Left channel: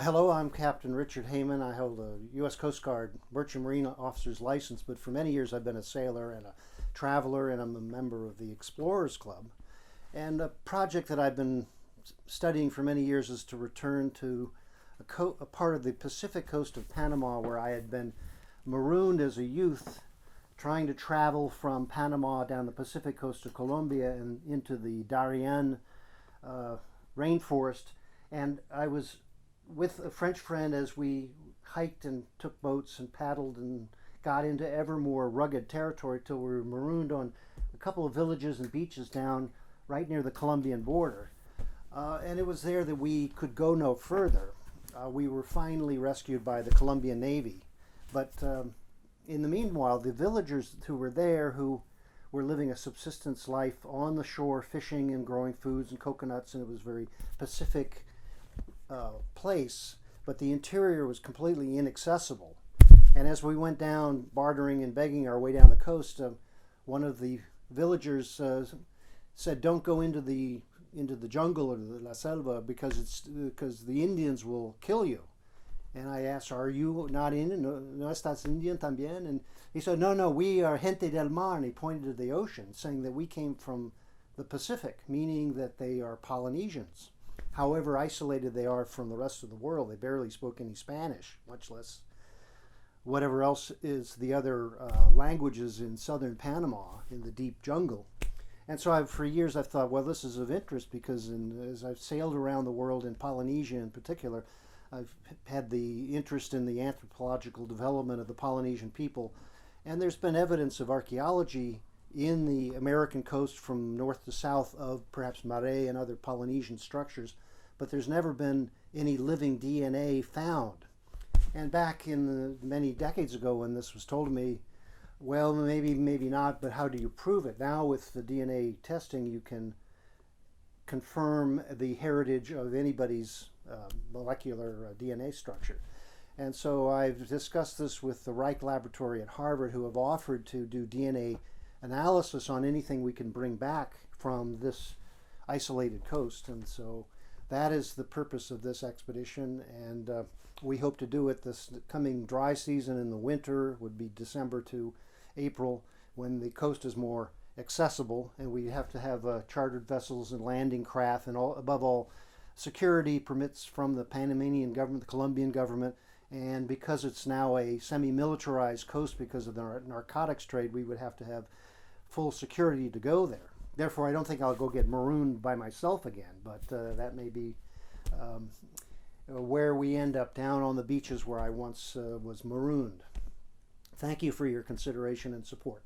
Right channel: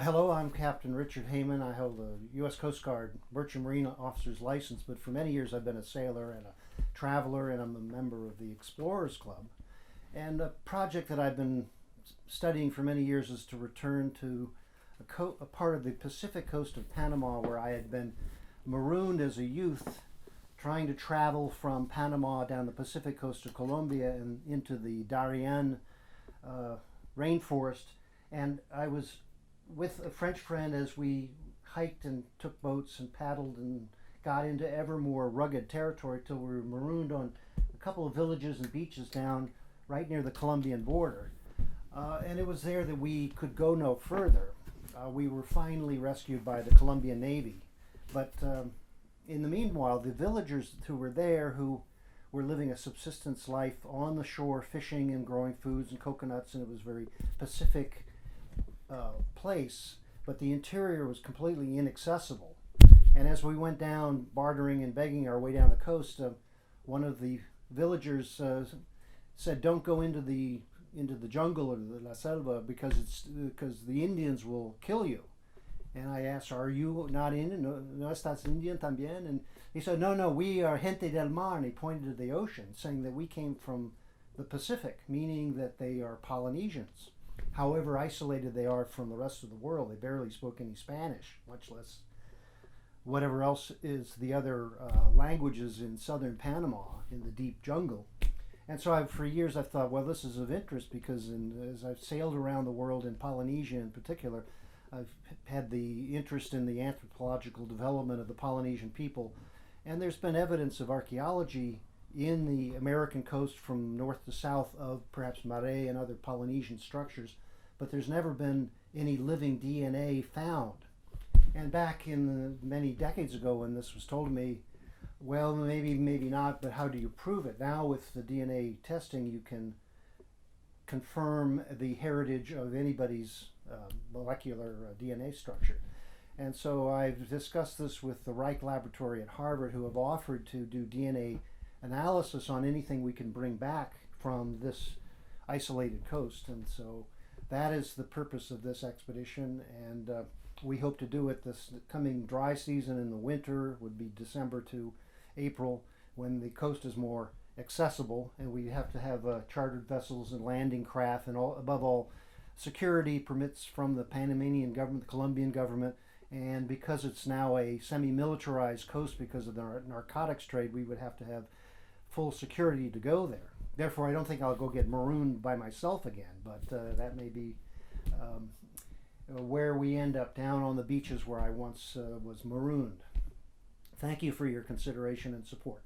Hello, I'm Captain Richard Heyman. I hold a U.S. Coast Guard Merchant Marine Officer's license, but for many years I've been a sailor and a traveler, and I'm a member of the Explorers Club. And a project that I've been studying for many years is to return to a part of the Pacific coast of Panama where I had been marooned as a youth, trying to travel from Panama down the Pacific coast of Colombia and into the Darien rainforest. And I was with a French friend as we hiked and took boats and paddled and got into ever more rugged territory till we were marooned on a couple of villages and beaches down right near the Colombian border. And it was there that we could go no further. We were finally rescued by the Colombian Navy. But in the meanwhile, the villagers who were there, who were living a subsistence life on the shore, fishing and growing foods and coconuts, and it was very Pacific place, but the interior was completely inaccessible. And as we went down, bartering and begging our way down the coast, one of the villagers said, "Don't go into the jungle or the la selva because the Indians will kill you." And I asked, "Are you not in? No estás Indian también?" And he said, "No, we are gente del mar." And he pointed to the ocean, saying that we came from the Pacific, meaning that they are Polynesians. However isolated they are from the rest of the world, they barely spoke any Spanish, much less whatever else is the other languages in southern Panama in the deep jungle. And so for years I've thought, well, this is of interest because as I've sailed around the world in Polynesia in particular, I've had the interest in the anthropological development of the Polynesian people. And there's been evidence of archaeology in the American coast from north to south of perhaps Marais and other Polynesian structures, but there's never been any living DNA found. And back in many decades ago when this was told to me, well, maybe not, but how do you prove it? Now with the DNA testing, you can confirm the heritage of anybody's molecular DNA structure. And so I've discussed this with the Reich Laboratory at Harvard, who have offered to do DNA analysis on anything we can bring back from this isolated coast. And so that is the purpose of this expedition, and we hope to do it this coming dry season in the winter. Would be December to April, when the coast is more accessible, and we have to have chartered vessels and landing craft, and above all security permits from the Panamanian government, the Colombian government. And because it's now a semi-militarized coast because of the narcotics trade, we would have to have full security to go there. Therefore, I don't think I'll go get marooned by myself again, but that may be where we end up, down on the beaches where I once was marooned. Thank you for your consideration and support.